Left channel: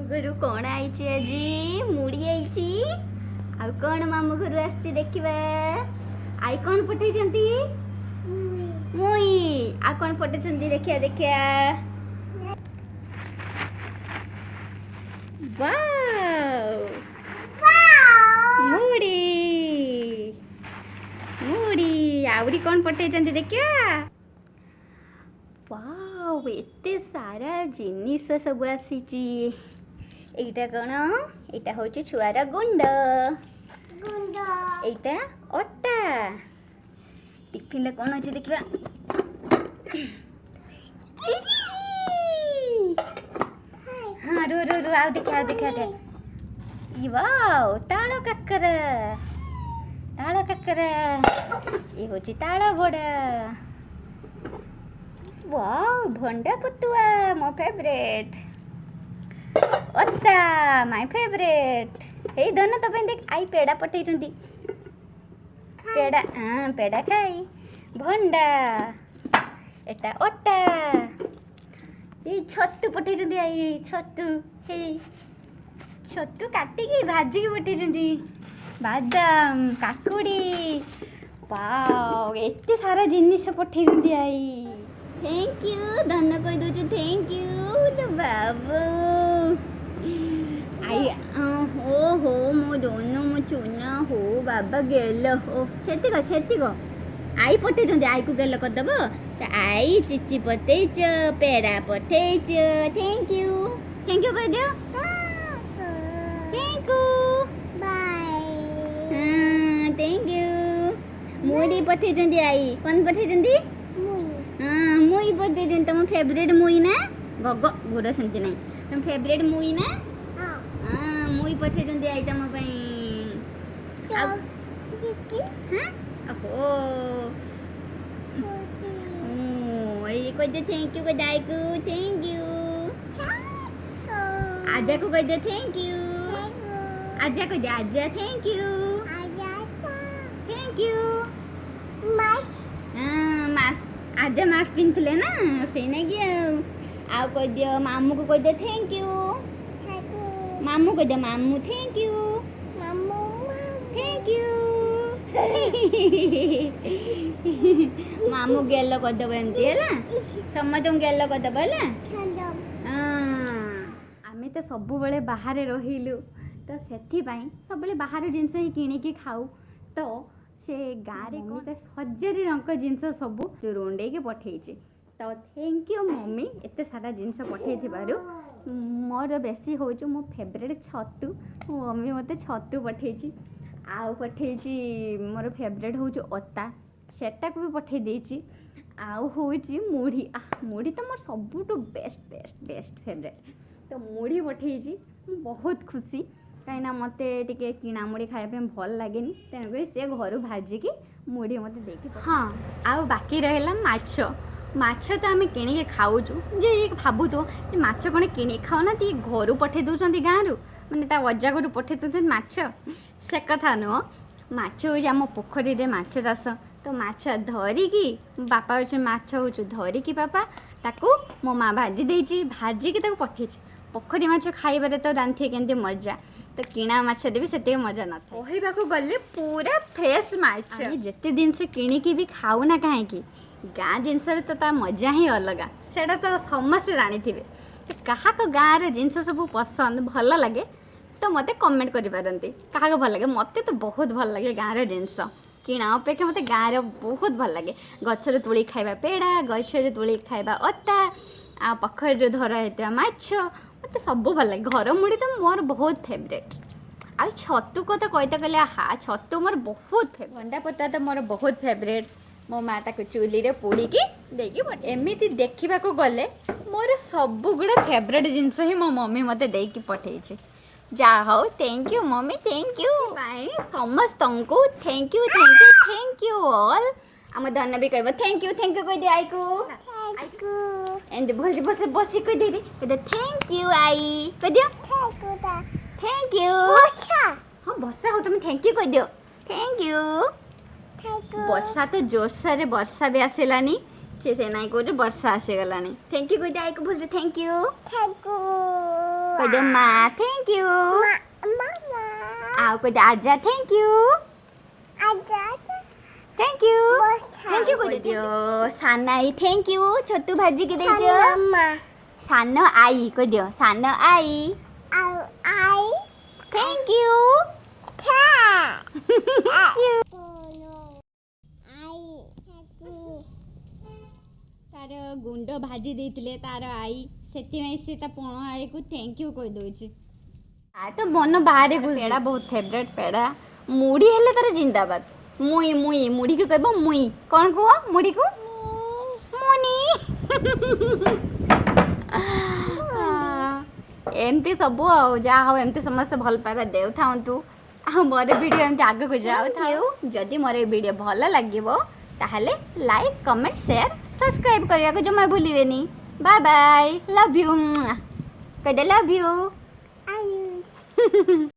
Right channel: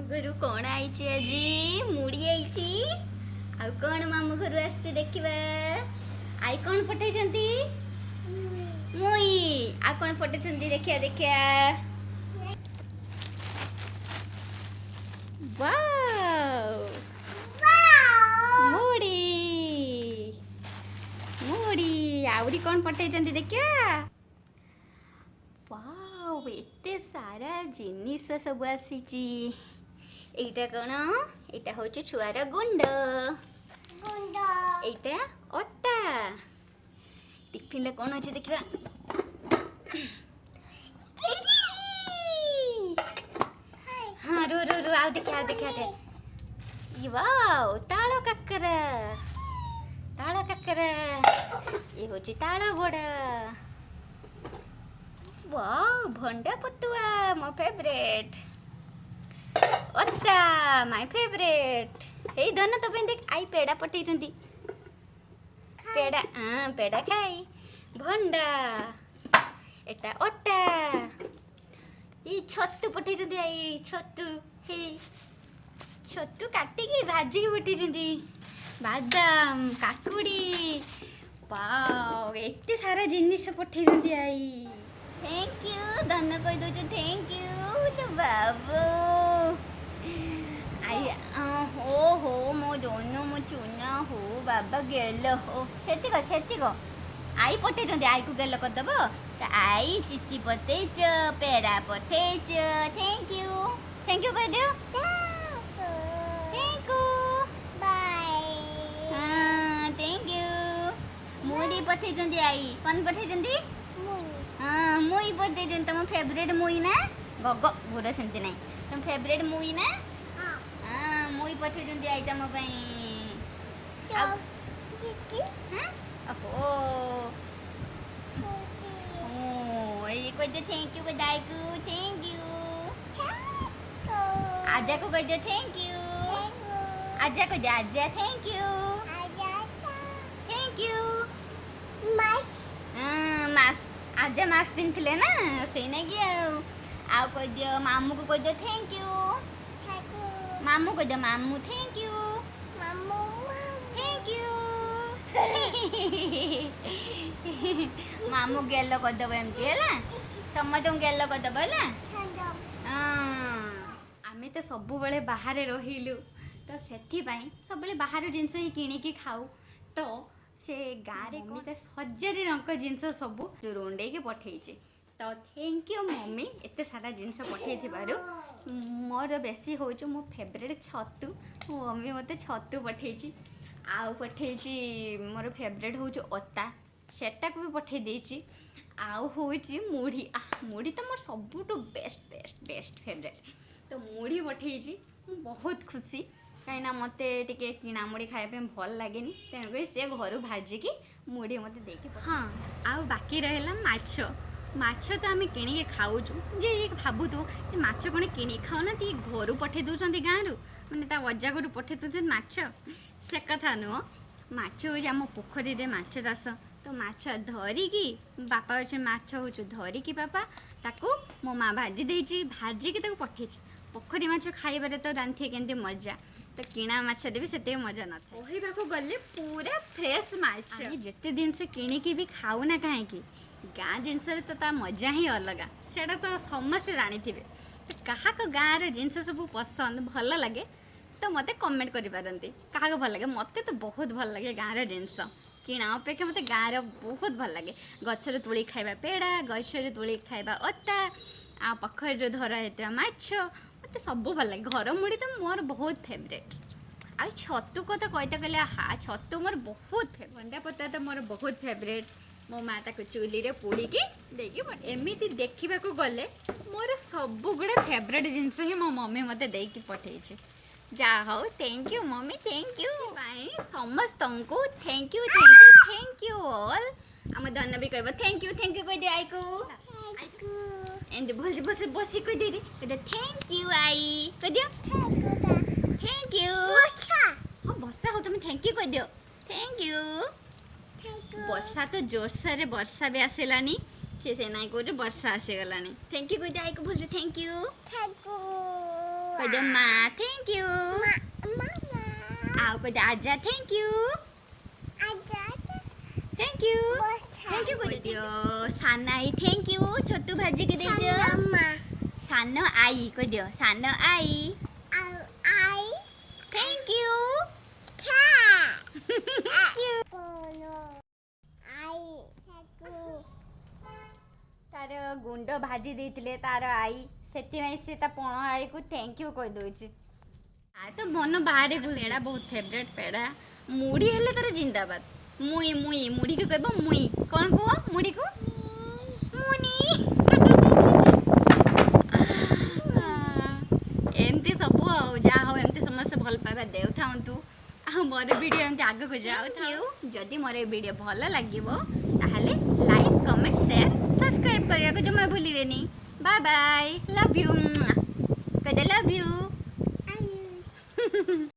मामू घर कौन आई आज मुड़ी आई आउ कौन मामू घर आसी देखा आई कौन पठे मुई आ कौन पठे देखिया देखिया वाव मुड़ी मुड़ी आउरी कौन पठे देखिया वाव एते सारा जिनिस सब आसी एटा कौन एटा हूँ छुआर गुंड एटा अटा टिफिन कौन अच्छे देखा हाँ रो रो रो आओ देखा देखा वाव ताल काकर ये हूँ ताल बड़ा वाव भंडा पुतुआ मो फेवरेट ओता माय फेवरेट हे धन तो देख आई पेड़ा पठे पेड़ा हाँ पेड़ा खाई भंडा एटा ओटा ये छतु पठे आई छतु हे छतु काटिकी भाजिकी पठे बादाम काकुड़ी वाव एते सारा जिनिस पठे आई थैंक यू धन कह दूँ थैंक यू बाबू आई हो हो मो दोनों मो चुना हो बाबा गेल हो सेतिक आई पठे आई को गेल करदेव आई चिची पठेच पेड़ा पठेच थैंक यू कह दो थैंक यू बाय हाँ थैंक यू मुड़ी पठे आई कौन पठे हाँ मुई पठे तुम फेवरेट मुई ना गग गोरा सेमती ना तुम फेवरेट मुई ना हाँ मुई पठे आई तुम कह दे थैंक यू दाई को थैंक यू आजा को कह दे थैंक यू आजा को दे आजा थैंक यू मास आजा मास पिंथले ना से नहीं आउ कह दियो मामू को कह दे थैंक यू मामू कह दे मामू थैंक यू मामू गेल करदेव एमती है समस्त गेल करदेव है आम तो सब बाहर रहिलु तो से सब बाहर जिनस ही किणिकी खाऊ तो से गाँव मम्मी तो 1000 रंग जिनस सब रुंडे के पठे तो थैंक यू मम्मी एत सारा जिनस पठे मोर बेसी हूँ मो फेवरेट छतु मो मम्मी मत छतु पठे आउ पठे मोर फेवरेट हूँ अता सेटा को भी पठे देची आउ हूँ मुढ़ी मुढ़ी तो मोर सबुठु बेस्ट फेवरेट तो मुढ़ी पठे बहुत खुशी कहीं मत टे किणा मुढ़ी खायापे भल लगे तेणुक सी घर भाजिकी मुढ़ी मत देकी हाँ आउ बाकी रहा माछ तो आम कि खाऊचु जे भावुथो माछ कौन कि खाऊना घर पठे दौरान गाँव मैंने अजा घर पठे दौरान माछ से कथा नुह माछ हूँ आम पोखरी में माछ चाष तो माछ धरिकी बापा अच्छे माछ हूँ धरिकी बापा ताकू मो माँ भाजी देची भाजिकी पठे पोखरी माछ खाइबार तो रांधे के मजा तो किणा माछरे भी से मजा ना कहवाक गले पूरा फ्रेश माछ जिते दिन से किणिकी भी खाऊना कहीं गाँ जिनस तो ता मजा ही अलग से तो समस्ते जानी थे तो क्या गाँव जिनस सब पसंद भल लगे तो मत कमेंट करें क्या भल लगे मत तो बहुत भल लगे गाँव जिनस किणा अपेक्षा मत गाँव बहुत भल लगे गचर तुली खाइबा पेड़ा गचर तुली खाइबा अता आ पोखरी धरा होता माछ मत सब भल लगे घर मुड़ी तो मोर बहुत फेवरेट आ छतु कथा कहते कहले हाँ छतु मोर बहुत भंडा पता तो मोर बहुत फेवरेट मो माँ ताको चूली रे पोड़ीकी देकी एमती देखा गले मोर सब गुड़ा फेवरेट जिनस ही मो मम्मी मत देकी पठे जा हो thank you mummy thank you भाई समस्त को थैंक यू ऑल आम धन भी कह थैंक यू कह दे आई को एंड भल बस बस कह दे थैंक यू आई कह दियो थैंक यू हाँ वर्षा हो तुम थैंक यू कह दियो थैंक यू वर्षा तो जोरसोर वर्षा भी आसलानी से नाई कौटे वर्षा आसीगलानी थैंक यू कह आई को भल थैंक यू कह दो माँ थैंक यू आओ कह दो आजा थैंक यू थैंक यू कह दियो साना आई थैंक यू छतु भाजी के देजो सान आई कह दियो सान आई थैंक यू तार गुंड भाजी देथिले तार आई सेति से ता पण आई को थैंक यू कह दोची आ तो मन बाहर को पेड़ा बहुत फेवरेट पेड़ा मुड़ी हेले तार जिंदाबाद मुई मुई मुड़ी को कहबो मुई कौन को मुड़ी को मुनी एमती सब आ जहाँ हो एमती समस्त भल पाइबा देउ थांतु आ मोर वीडियो एमती आगे को जाउ थाउ जदि मोर वीडियो भल लागिवो ताहले लाइक कमेंट शेयर सब्सक्राइब करिया को जमा भूलिबेनी बाय बाय लव यू कह दे लव यू